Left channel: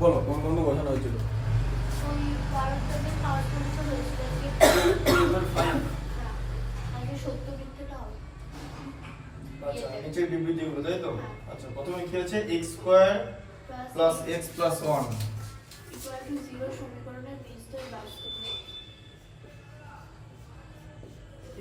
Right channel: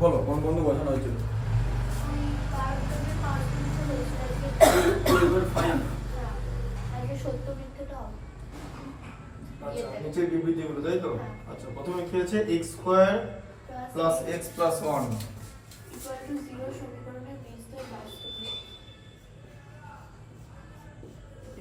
বলো কোন বন্ধু বসানো হয়েছিল? ওই পারদের পাওয়ার পরীক্ষা হয়েছিল আজকে। এবার ফাইন। হ্যাঁ, আজকে সত্য মিথ্যাটা হবে। আচ্ছা নিচের বিবৃতিগুলো তাই তো? আচ্ছা প্রথমে কি আছে x square plus x plus 1 equal to 0 সমীকরণের বীজদ্বয় বাস্তব নয়।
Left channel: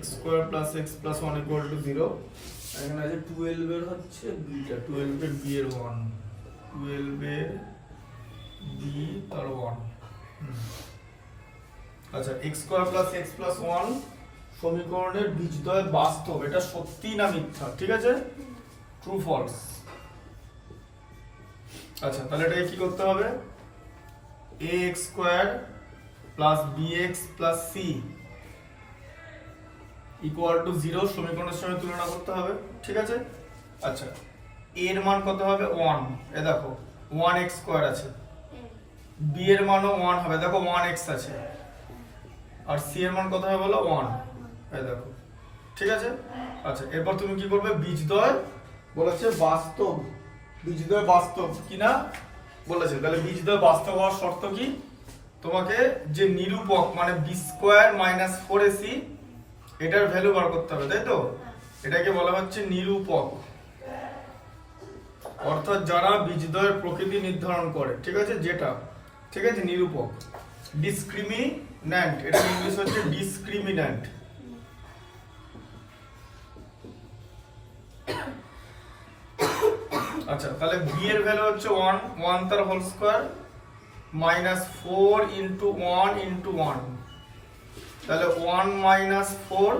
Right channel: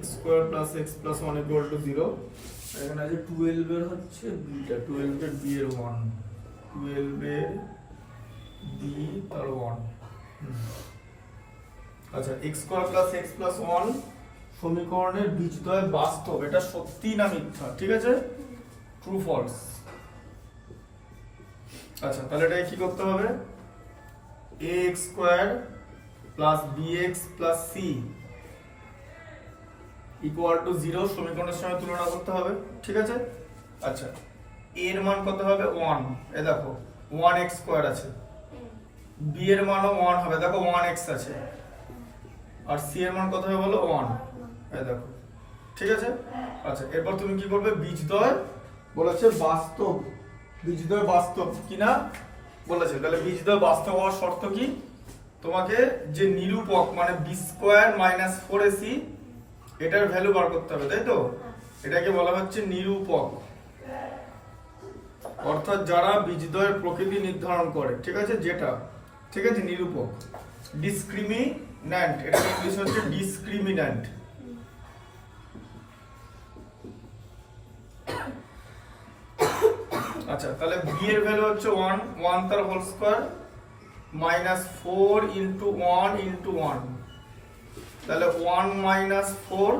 x square plus x plus 1 equal to 0। এখানে আছে 12 এর হচ্ছে বিটা, 12 এর b এর 1, 12 এর b তার 1। আচ্ছা x square plus x plus 1 সমীকরণের বীজদ্বয় বাস্তব, এটা সত্যি না মিথ্যা? ঠিক আছে, ট্রু ফলস। আচ্ছা তাহলে এটাকে কি করতে হবে? ax square plus bx plus c equal to 0 সমীকরণের সঙ্গে তুলনা করতে হবে। ঠিক আছে, আচ্ছা এর মান কত হবে? 1। এ দেখো 1x স্কয়ার আছে, b এর মানও 1 হবে, দেখো 1x আছে, আর c এর মান কত হবে বলো? 1। এই দেখো, ঠিক আছে। আচ্ছা এরপর তুমি কি করবে? বীজদ্বয় বলেছে বাস্তব, বীজদ্বয় বাস্তব কিনা বলেছে, তাহলে বীজদ্বয় বাস্তব হওয়ার শর্ত কি? তোমাকে যে নিরূপক মানে b স্কয়ার মাইনাস 4ac এটার ভ্যালু বার করতে হবে, তাই তো? এটাকে বলা হচ্ছে নিরূপক, অর্থাৎ যারা বীজদ্বয়ের প্রকৃতি নির্ধারণ করে। ঠিক আছে, যেটা ঠিক আছে নিরূপক। ডিসক্রিমিন্যান্ট, এটা ইংলিশ হচ্ছে ডিসক্রিমিন্যান্ট। আচ্ছা তাহলে b এর ভ্যালু হচ্ছে 1, 1 তার whole square minus 4 into 1 into 1, তাহলে 1 মাইনাস 4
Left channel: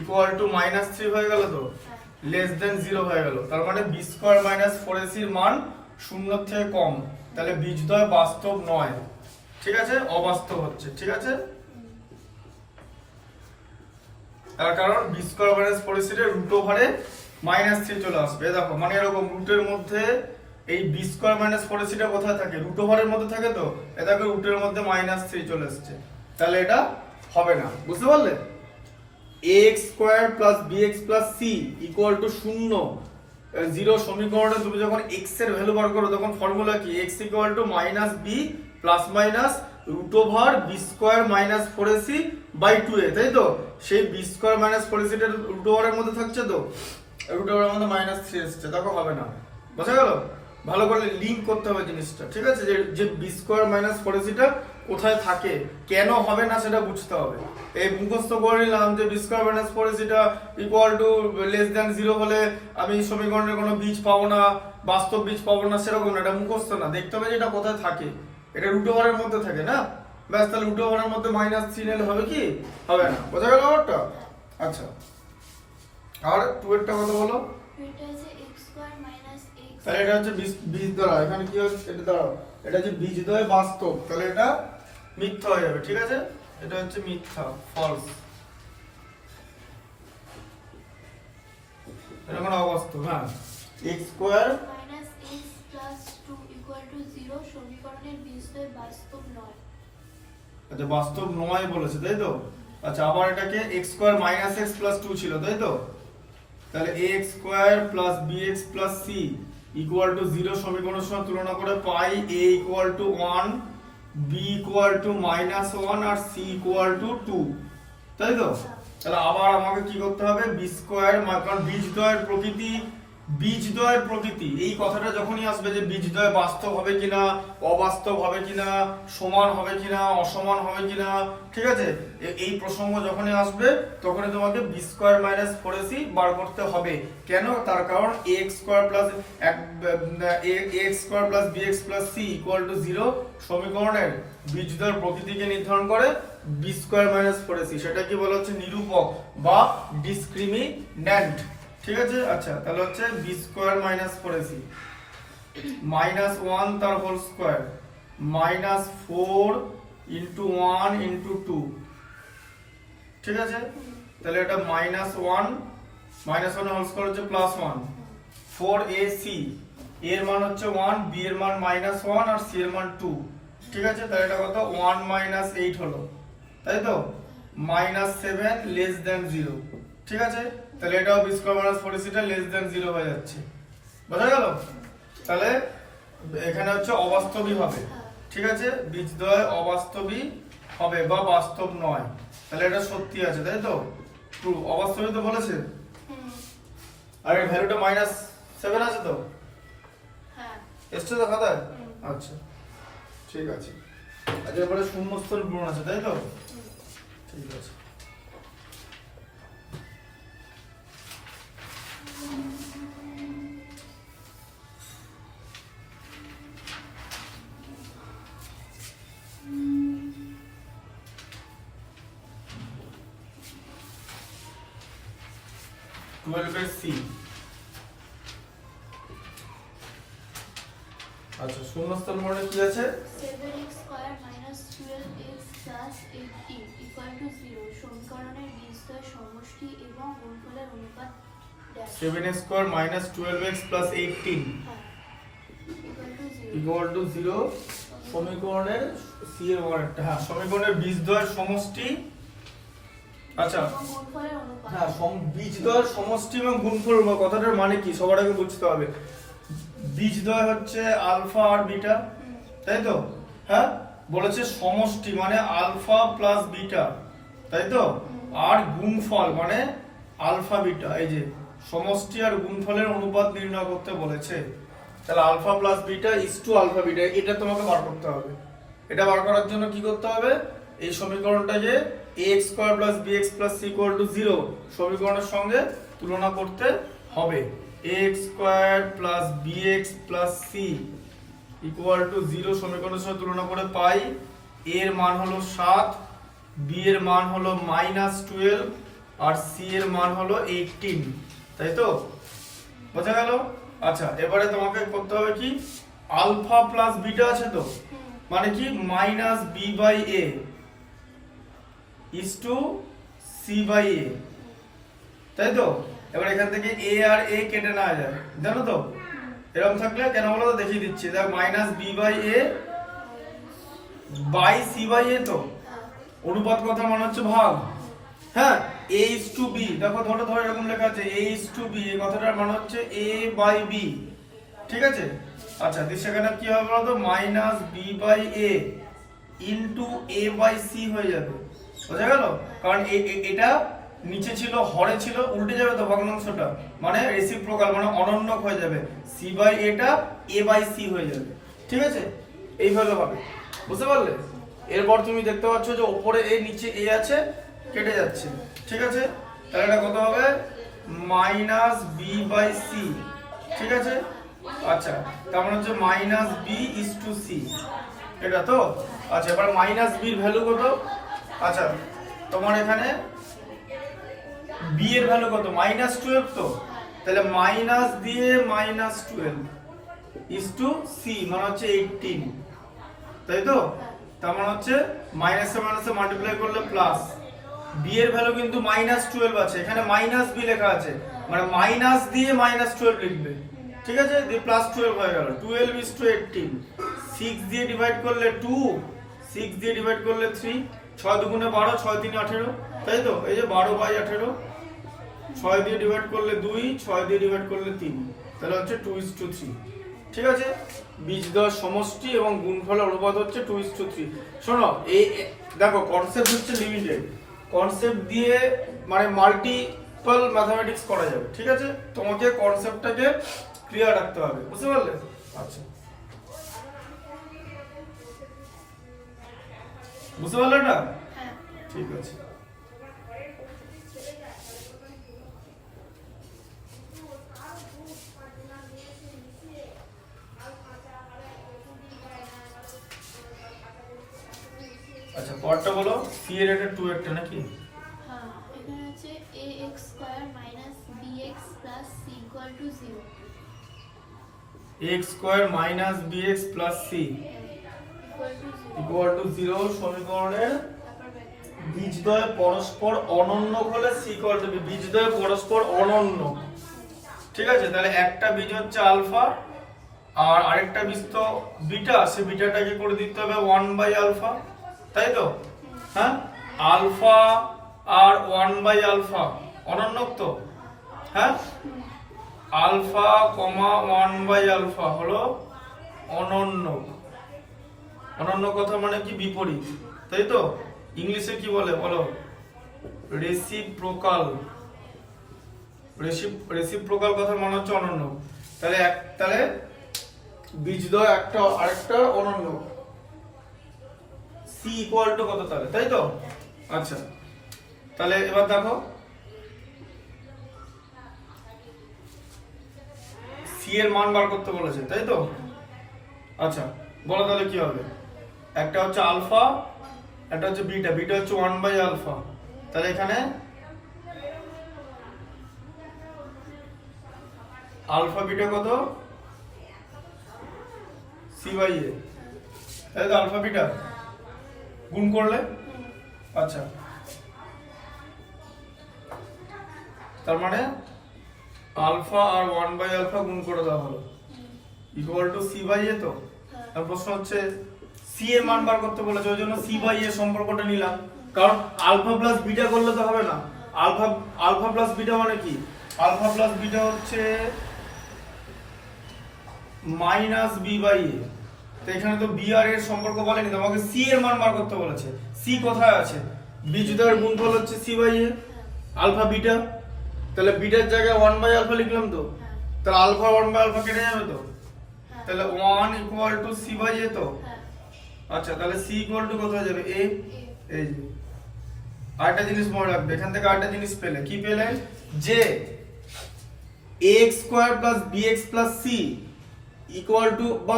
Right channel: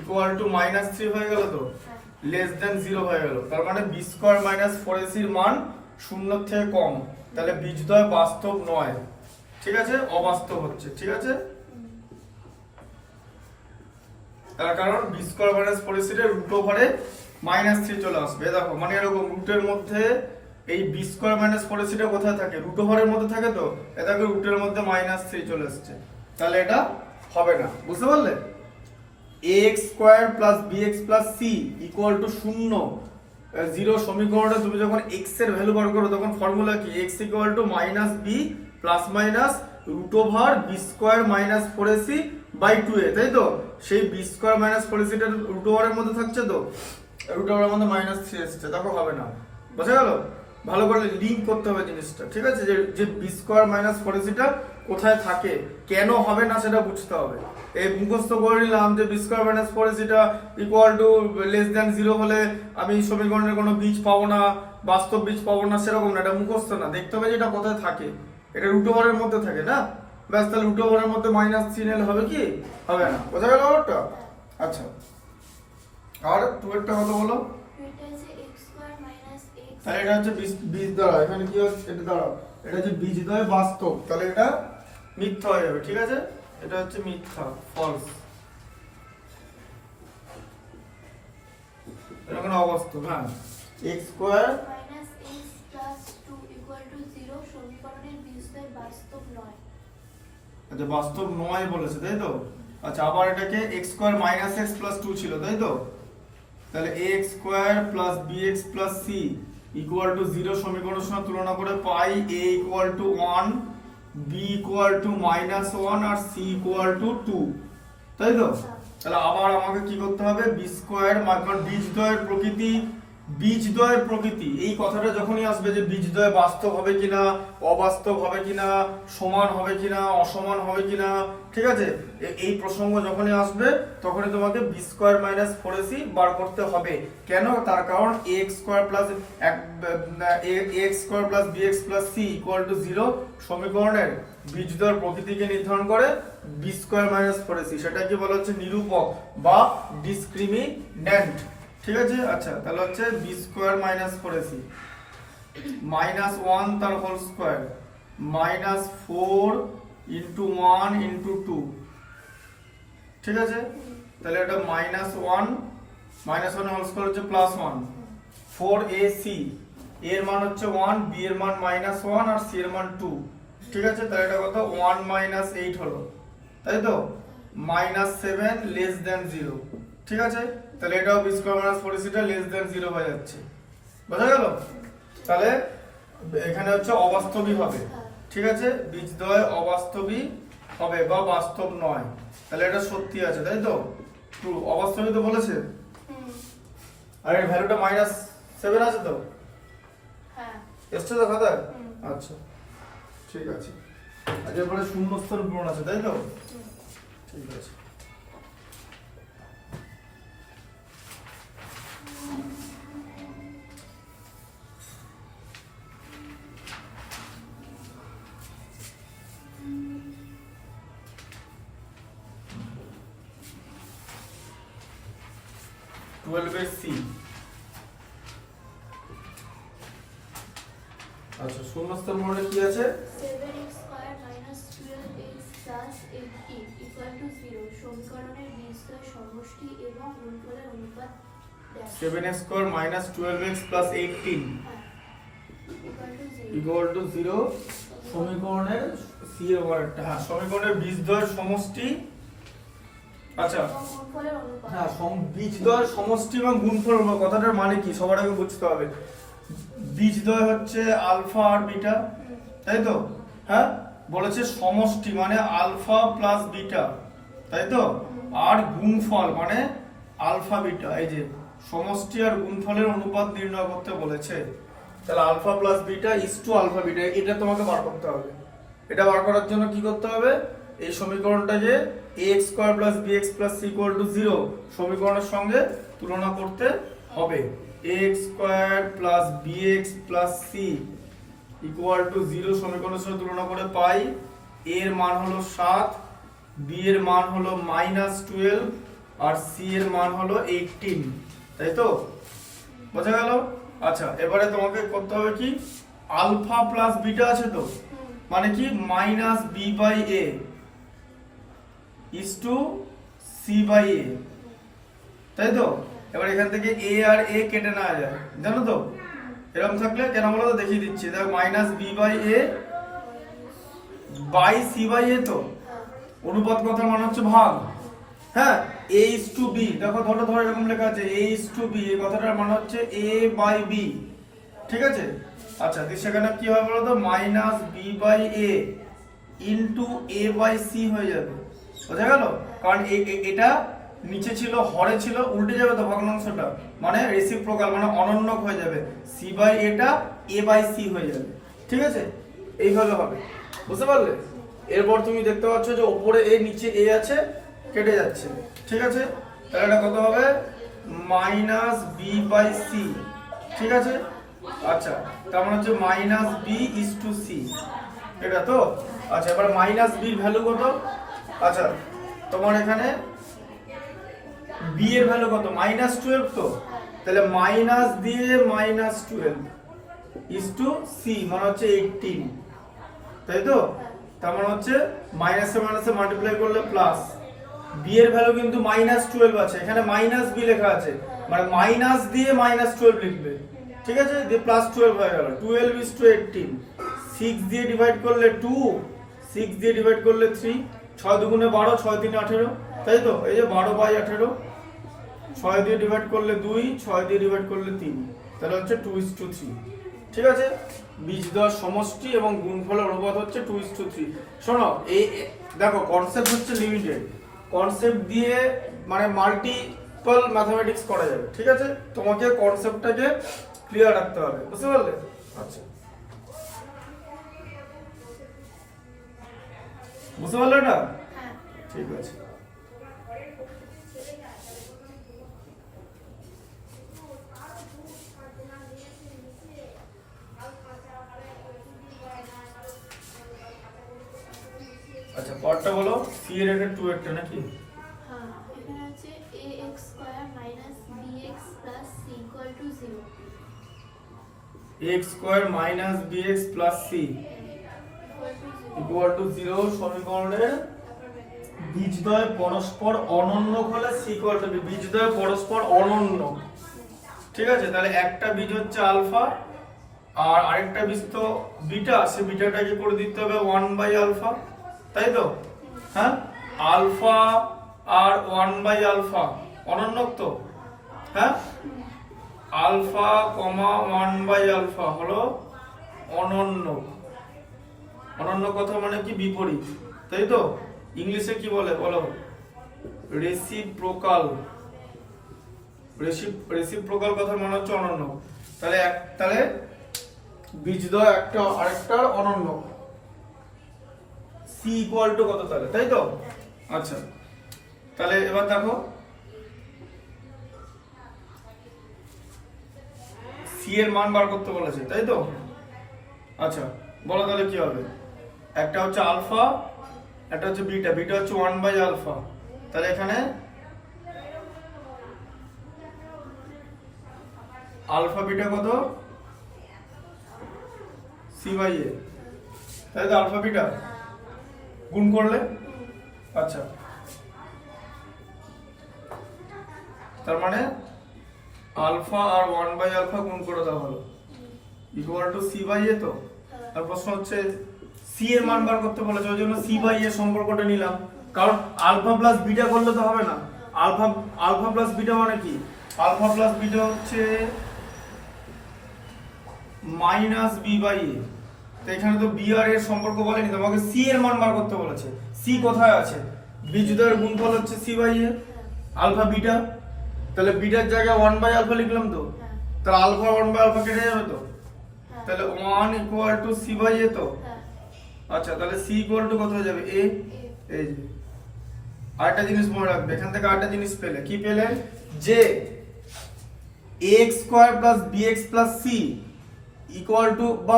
ইকুয়াল টু মাইনাস 3 হয়ে গেল, তো লেস দেন 0 হয়ে গেল। তার মানে b স্কয়ার মাইনাস 4ac এর মান 0 এর থেকে কম, তাহলে বীজদ্বয় বাস্তব নয়। ঠিক আছে, অবাস্তব হচ্ছে। ঠিক আছে, তার কারণ b স্কয়ার মাইনাস 4ac এর রুট ওভারে মাইনাস 3 চলে আসবে। দেখো মানে এরকম রুটের মধ্যে এই b স্কয়ার মাইনাস 4ac টা কোথায় থাকে? রুট ওভারের মধ্যে থাকে, তো এ দেখো রুটের মধ্যে মাইনাস 3 চলে আসছে, তাহলে এটা হবে না। বুঝতে পারলে? ax square plus bx plus c equal to 0 0 সমীকরণে তুমি যখন x এর ভ্যালু বার করো তখন ফর্মুলা কি? x equal to minus b plus minus root over b square minus 4ac by 2a, তাই তো? সেই b স্কয়ার মাইনাস 4ac টা রুট ওভারের মধ্যে থাকছে, তো রুট ওভারের মধ্যে মাইনাস 3 আসছে, দেখো হবে না। বুঝা গেল? ভালো করে লিংক করতে হবে জিনিসটা। ঠিক আছে, যে b স্কয়ার মাইনাস 4ac টা কোথায় থাকে, কেন হবে না সেটা বুঝতে হবে। এই মুখস্থ করে নিলাম যে b স্কয়ার মাইনাস 4ac টা ইকুয়াল টু লেস দ্যান 0 হলে আমি সমীকরণের কোনো বীজ পাবো না, বাস্তব বীজ পাবো না, সেরকম না। এটা মুখস্থ না, দেখতে হবে যে এটা কোথায় থাকে। এটা রুট ওভারের মধ্যে থাকে না, ব্যাস। তাহলে রুট ওভারের মধ্যে মাইনাস 3 এলে হবে কি? হবে না। বোঝা গেল ব্যাপারটা? আচ্ছা আর 2 এরটা কত বলো? এটা হচ্ছে x স্কয়ার মাইনাস x। তাহলে এটা হচ্ছে বীজদ্বয়, এখানে কি হচ্ছে? এটা দাঁড়াও, এটা হচ্ছে বীজদ্বয় বাস্তব, তাহলে এটা মিথ্যা হয়ে যাবে। ঠিক আছে, এটা হচ্ছে মিথ্যা, ফলস। এটা কোনো অবাস্তব। হ্যাঁ, x square minus x plus 2 equal to 0 সমীকরণের বীজদ্বয় বাস্তব নয়। আচ্ছা বাস্তব নয় বলেছে, তাই তো? আচ্ছা আবার এটাকে x square minus x plus 2 ছিল, তাই তো? তাহলে ax square plus bx plus c equal to 0 সমীকরণের সঙ্গে তুলনা করে পাই a equal to 1, b equal to minus 1 আর c ইকুয়াল টু 2, তাই তো? তাহলে আবার আমাকে কি করতে হবে? b স্কয়ার, কারণ বীজদ্বয়ের প্রকৃতি এই কথাটা যখনই আসবে যে বীজদ্বয় বাস্তব হবে কিনা, অবাস্তব হবে কিনা, সমান হবে কিনা, অসমান হবে কিনা, ঠিক আছে, এই প্রসঙ্গ যখনই আসবে তখনই তোমাকে b স্কয়ার মাইনাস 4ac বার করতে হবে। কেন? তার কারণ ax square plus ax square plus bx plus c equal to 0 সমীকরণের বীজদ্বয়ের প্রকৃতিকে নির্ধারণ করে b স্কয়ার মাইনাস 4ac, সেটা কি বলা হচ্ছে? নিরূপক বা ডিসক্রিমিন্যান্ট। ঠিক আছে, আচ্ছা তাহলে হচ্ছে b square minus 4ac minus 1 তার whole square minus 4 into 1 into 2। ঠিক আছে, তাহলে এটা মাইনাস 1 হোল স্কয়ার হচ্ছে প্লাস 1, 4ac এর মান হচ্ছে 1, b এর মান মাইনাস 1 আর c এর মান 2। ঠিক আছে, তাহলে এটা কত? 1 মাইনাস 8 হলো, তাই তো? Minus 7 less than 0। ঠিক আছে, তাহলে এটাও b স্কয়ার মাইনাস 4ac টা লেস দেন 0 হয়ে যাচ্ছে। বোঝা গেল? তাহলে এখানে হচ্ছে অবাস্তবিক হবে, ঠিক আছে, বীজদ্বয় অবাস্তবিক হবে বা বাস্তব নয়, তাহলে এটা সত্যি আছে, তাই তো, ট্রু। অবাস্তবিক তো বলেছে, আর এর ভ্যালুটা -7 আছে তো, হ্যাঁ এসছে তো খাতায়? আচ্ছা ঠিক আছে। আর এরপরে শূন্যস্থান পূরণ আছে, তাই তো, ঠিক আছে। সি, আচ্ছা শূন্যস্থান পূরণে কি আছে? 7x square minus 12x plus 18 equal to 0 সমীকরণের বীজদ্বয় সমষ্টি এবং গুণফলের অনুপাত dash 7x square minus 12x plus 18 equal to 0 equal to 0 সমীকরণের সি এর ওয়ার্ডটা, হ্যাঁ সমীকরণের বীজদ্বয়ের সমষ্টি, আচ্ছা এবং গুণফলের অনুপাত। হ্যাঁ বীজদ্বয়ের সমষ্টি এবং গুণফল অনুপাত কথাটার মানে কি সবার আগে বুঝতে হবে। বীজদ্বয় হচ্ছে আলফা আর বিটা, তাই তো, হ্যাঁ বলেছে সমষ্টি মানে আলফা প্লাস বিটা, তাই তো, আর গুণফল মানে আলফা বিটা, এই যে সমষ্টি আর গুণফলের অনুপাত নির্ণয় করতে বলেছে। তাহলে alpha plus beta is to alpha beta, এটা তোমাকে বার করতে হবে। এটা বার করার জন্য কি করতে হবে? এই সমীকরণটাকে ax square plus bx plus c equal to 0 সমীকরণের সঙ্গে তুলনা করতে হবে। ax square plus bx plus c equal to 0 সমীকরণের সঙ্গে তুলনা করে পাই a এর মান হলো 7, b এর মান হলো -12 আর c এর মান হলো 18, তাই তো, বোঝা গেল? আচ্ছা এবারে তোমাকে করতে হবে কি, আলফা প্লাস বিটা আছে তো, মানে কি minus B by a is to c by a, তাই তো। এবার এখান থেকে এ আর এ কেটে নেওয়া যায়, জানো তো, এরকম থাকলে কেন বলো তো, দেখিয়ে দিচ্ছি। দেখো minus B by a by c by a, তো অনুপাত কথার মানে হচ্ছে ভাগ, হ্যাঁ a is to b, দেখো ধরো ধরো এরকম লেখা আছে a is to b, এই কথাটার মানে হচ্ছে a বাই b, ঠিক আছে। আচ্ছা সেখানে কি হবে বলো তো, minus B by A into A by C হয়ে যাবে, বোঝা গেল? কারণ এটা নিচে ছিল হরে ছিল, উল্টে যাবে তো ভগ্নাংশটা, মানে রেসিপ্রোকাল মানে অনন্যক হয়ে যাবে, সি বাই এটা এ বাই সি হয়ে যাবে, ঠিক আছে, এইভাবে হবে, বুঝতে পারলে? এরপর তুমি দেখতে পাচ্ছ যে উপরে এ নিচে এ আছে, কেটে যাচ্ছে, ঠিক আছে। তাহলে এটা কত হবে, মাইনাস বি বাই সি, ঠিক আছে। আচ্ছা তার মানে হচ্ছে minus B is to C, এটা তো। আচ্ছা এবার মাইনাস বির ভ্যালু কত? আচ্ছা তোমার এখানে বি এর ভ্যালু কত, -12 তো, তাহলে মাইনাস দিয়ে -12 ইজ টু সি মানে হচ্ছে 18, তাই তো। তার মানে হচ্ছে মাইনাসে মাইনাসে মাল্টিপ্লাই করলে প্লাস, বি এর ভ্যালু কিন্তু -12 আছে, এখানে মাইনাস বি লেখা আছে, মানে মাইনাস দিয়ে -12 লিখবে, ঠিক আছে, দিয়ে +12 হয়ে গেল, 12 ইজ টু 18, 6 দিয়ে ডিভাইড করলে 2, 6 দিয়ে ডিভাইড করলে 3, 6 দুগুণে 12, 6 3 18, তাই তো, এই যে 12/18, 6 দিয়ে ডিভাইড করলে 2, 6 দিয়ে ডিভাইড করলে 3, তাহলে হচ্ছে 2:3, ঠিক আছে। বীজদ্বয় সমষ্টি এবং গুণফলের অনুপাত হচ্ছে 2:3। শোনো এই দেখো কনসেপ্ট হচ্ছে লিমিটেড, কনসেপ্ট দিয়ে মানে মাল্টিপল ম্যাথমেটিক্স করা যাবে, ঠিক আছে, তোমাকে কনসেপ্টটাকে ক্লিয়ার রাখতে হবে, বুঝতে পারলে? আচ্ছা বুঝতে পারলে না? ঠিক আছে। আচ্ছা পরটা বলো, সি এর এটা 2 একটা নাকি? হ্যাঁ এখানে হচ্ছে ax square minus bx plus c equal to 0 x square minus bx plus c equal to 0 সমীকরণের বীজদ্বয় পরস্পর অনন্য হলে c ইকুয়াল টু b, বীজদ্বয় পরস্পর অনন্য, ঠিক আছে। তাহলে একটা বীজ হচ্ছে আলফা আর আরেকটা বীজ তো বিটা, সে বিটাটাকে করে দিতে হবে 1/α, তাই তো, হ্যাঁ আলফা আর 1/α অনন্যক তো, হ্যাঁ আলফা 1/α হলো অনন্য। অনন্য কথা মানে কি? বিপরীত, তাই তো? ইংলিশে কি বলে বলো? রেসিপ্রোকাল। রেসিপ্রোকাল কথার মানে হচ্ছে অনন্য। তাহলে বীজদ্বয় একটা আরেকটা অনন্য। সি ইকুয়াল টু কত তাহলে, তাই তো? আচ্ছা, তাহলে এবার দেখো সি এর মান বার করতে বলেছে, তাই তো? আচ্ছা, বলো তাহলে কি হবে? একটা হচ্ছে আলফা, একটা হচ্ছে বিটা। বিটা হচ্ছে 1/α। তাহলে এখানে আলফা বিটা কত? c/a, তাই তো? আলফা বিটা গুণ করলে, আচ্ছা, তার মানে আলফা আর 1/α গুণ করে দেওয়া হলো ইকুয়াল টু c/a। তো আর প্রশ্ন হচ্ছে সি এর মান বার করতে বলেছে, ওই জন্য c/a সম্পর্কটা নিলাম। কারণ আলফা প্লাস বিটা করলে তো হবে না। আলফা প্লাস বিটা মানে কি? আলফা প্লাস বিটা হচ্ছে মাইনাস b/a। তো এখানে তো বি আর এর সম্পর্ক বলেনি, তোমাকে সি এর মান বার করতে বলেছে। সি কোথায় আছে? বীজদ্বয়ের গুণফল হচ্ছে c/a, আলফা বিটা। তাহলে বিটার জায়গায় 1/α লিখলাম তো, তাহলে আলফা 1/α কেটে যাবে তো, তাহলে 1 ইকুয়াল টু c/a। তো আচ্ছা, তাহলে c ইকুয়াল টু কত হয়ে যাবে? a। এই যে আরেকটা জিনিস মনে রাখবে, এখান থেকে আরেকটা জিনিস পেলে। কি পেলে? যে ax² + bx + c equal two বা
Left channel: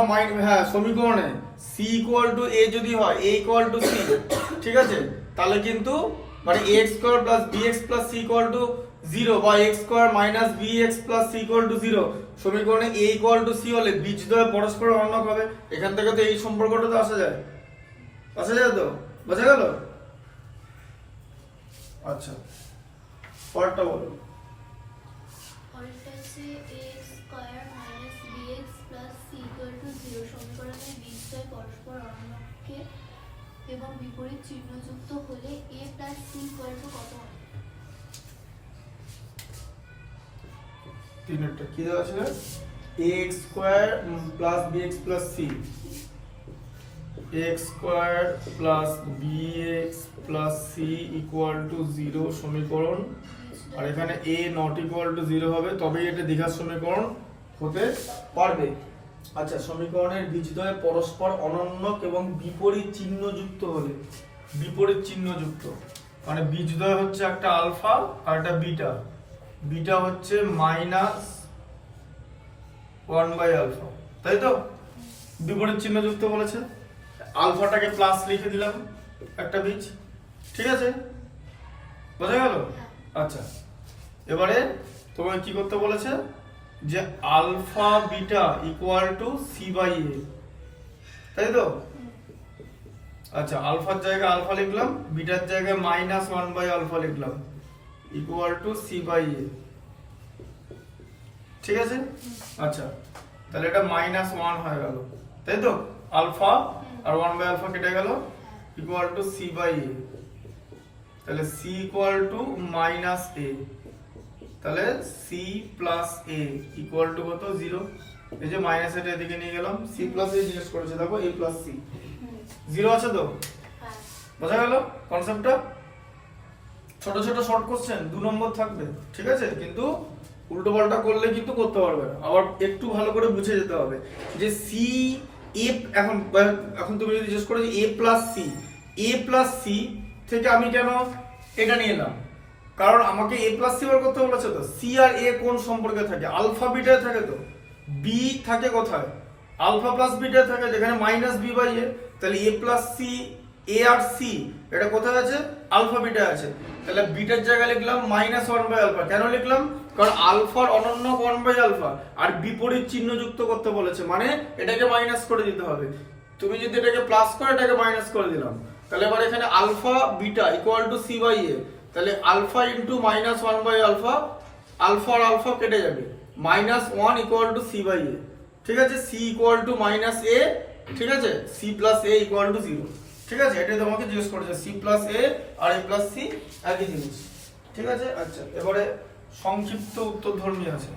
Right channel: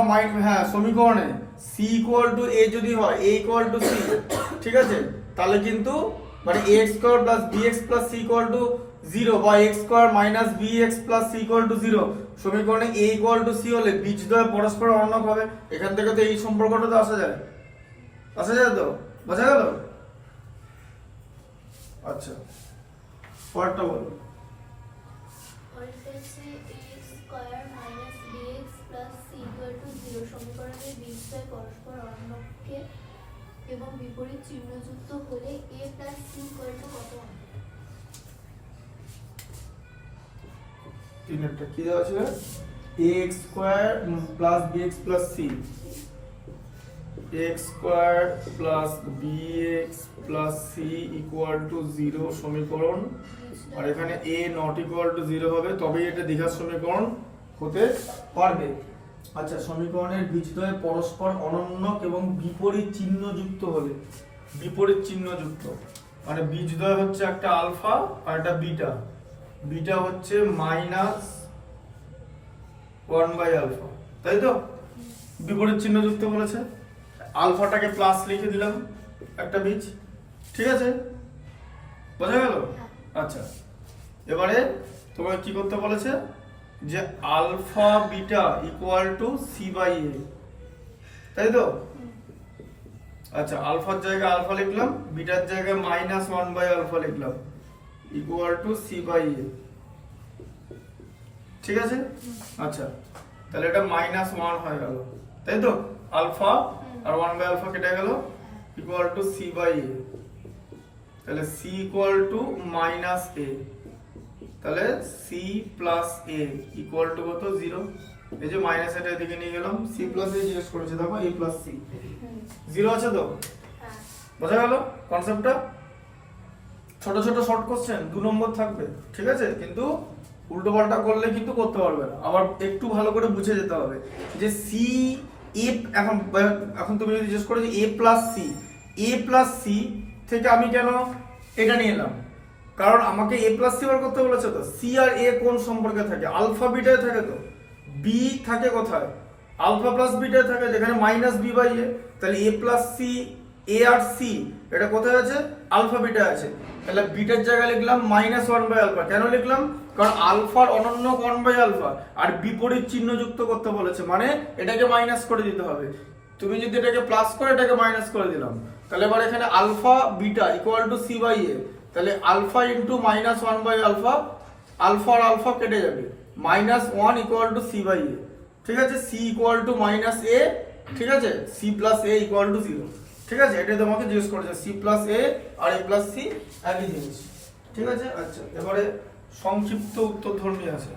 সমীকরণে c ইকুয়াল টু a যদি হয়, a ইকুয়াল টু c, ঠিক আছে? তাহলে কিন্তু মানে ax² + bx + c equal to 0 বা x² - bx + c equal to 0 সমীকরণে a ইকুয়াল টু c হলে বীজদ্বয় পরস্পর অনন্য হবে। এখান থেকে তো এই সম্পর্কটা তো আসা যায় তো, বোঝা গেল? আচ্ছা, পরেরটা বলো। পরেরটা হচ্ছে a² - bx + c = 0 সমীকরণের বীজদ্বয় পরস্পর অনন্যকে এবং বিপরীত চিহ্নযুক্ত হলে a + c = কত? তিনটা কি দেওয়া ছিল? ax² + bx + c, ax² + bx + c equal to 0 সমীকরণ। আর এখানে a নট ইকুয়াল টু 0 হবে, তবেই এটা দ্বিঘাত সমীকরণ হতে পারবে। আচ্ছা, সমীকরণের বীজদ্বয় পরস্পর অনন্য এবং বিপরীত চিহ্নযুক্ত হলে, বিপরীত চিহ্নযুক্ত মানে বীজদ্বয় হচ্ছে একটা আলফা আর একটা বিটা। বিটা হচ্ছে -1/α, তাই তো? বিপরীত চিহ্নযুক্ত বলেছে, আলফাটাকে প্লাস লিখে দিলাম একটা বীজ, ঠিক আছে? বোঝা গেল? আচ্ছা, এবারে তোমাকে কি করতে বলেছে? যে alpha beta equal to c/a, তাই তো? আচ্ছা, আলফার জায়গায় আলফা লিখলাম, বিটার জায়গায় -1/α লিখলাম ইকুয়াল টু c/a, ঠিক আছে? আচ্ছা, তাহলে এটা -1 হয়ে গেল, তাই তো? আলফা আর 1/α কেটে গেল ইকুয়াল টু c/a। তাহলে c ইকুয়াল টু -a, তাহলে c + a ইকুয়াল টু কত? 0। এই যে মাইনাস এটা এদিকে নিয়ে গেলাম, c + a জিজ্ঞেস করেছে, দেখো a + c 0 আছে তো? বোঝা গেল কনসেপ্টটা? ছোট ছোট শর্ট কোশ্চেন 2 নম্বর থাকবে, ঠিক আছে? কিন্তু উল্টো পাল্টা করলে কিন্তু করতে পারবে না, আবার একটু ভালো করে বুঝে যেতে হবে যে c a। এখন তুমি যদি জিজ্ঞেস করো যে a + c থেকে আমি কেন এটা নিয়ে এলাম? কারণ আমাকে a + c বার করতে বলেছে তো। c আর a কোন সম্পর্কে থাকে? আলফা বিটায় থাকে তো। b থাকে কোথায়? আলফা প্লাস বিটায় থাকে, যেখানে -b/a। তাহলে a + c, a R c এটা কোথায় আছে? আলফা বিটায় আছে। তাহলে বিটার জায়গায় লিখলাম -1/α। কেন লিখলাম? কারণ আলফার অনন্য 1/α আর বিপরীত চিহ্ন যুক্ত করতে বলেছে, মানে এটাকে মাইনাস করে দিতে হবে। তুমি যদি এটাকে প্লাস করে এটাকে মাইনাস করে দিলাম, তাহলে এবার এখানে alpha beta equal to c/a। তাহলে আলফা ইনটু -1/α, আলফা আর আলফা কেটে যাবে, -1 ইকুয়াল টু c/a, ঠিক আছে? c ইকুয়াল টু -a, ঠিক আছে? c + a ইকুয়াল টু 0, ঠিক আছে? এটা তোমাকে জিজ্ঞেস করেছে, c + a R a + c একই জিনিস, ঠিক আছে? আচ্ছা, এবারে সংক্ষিপ্ত উত্তরধর্মী আছে।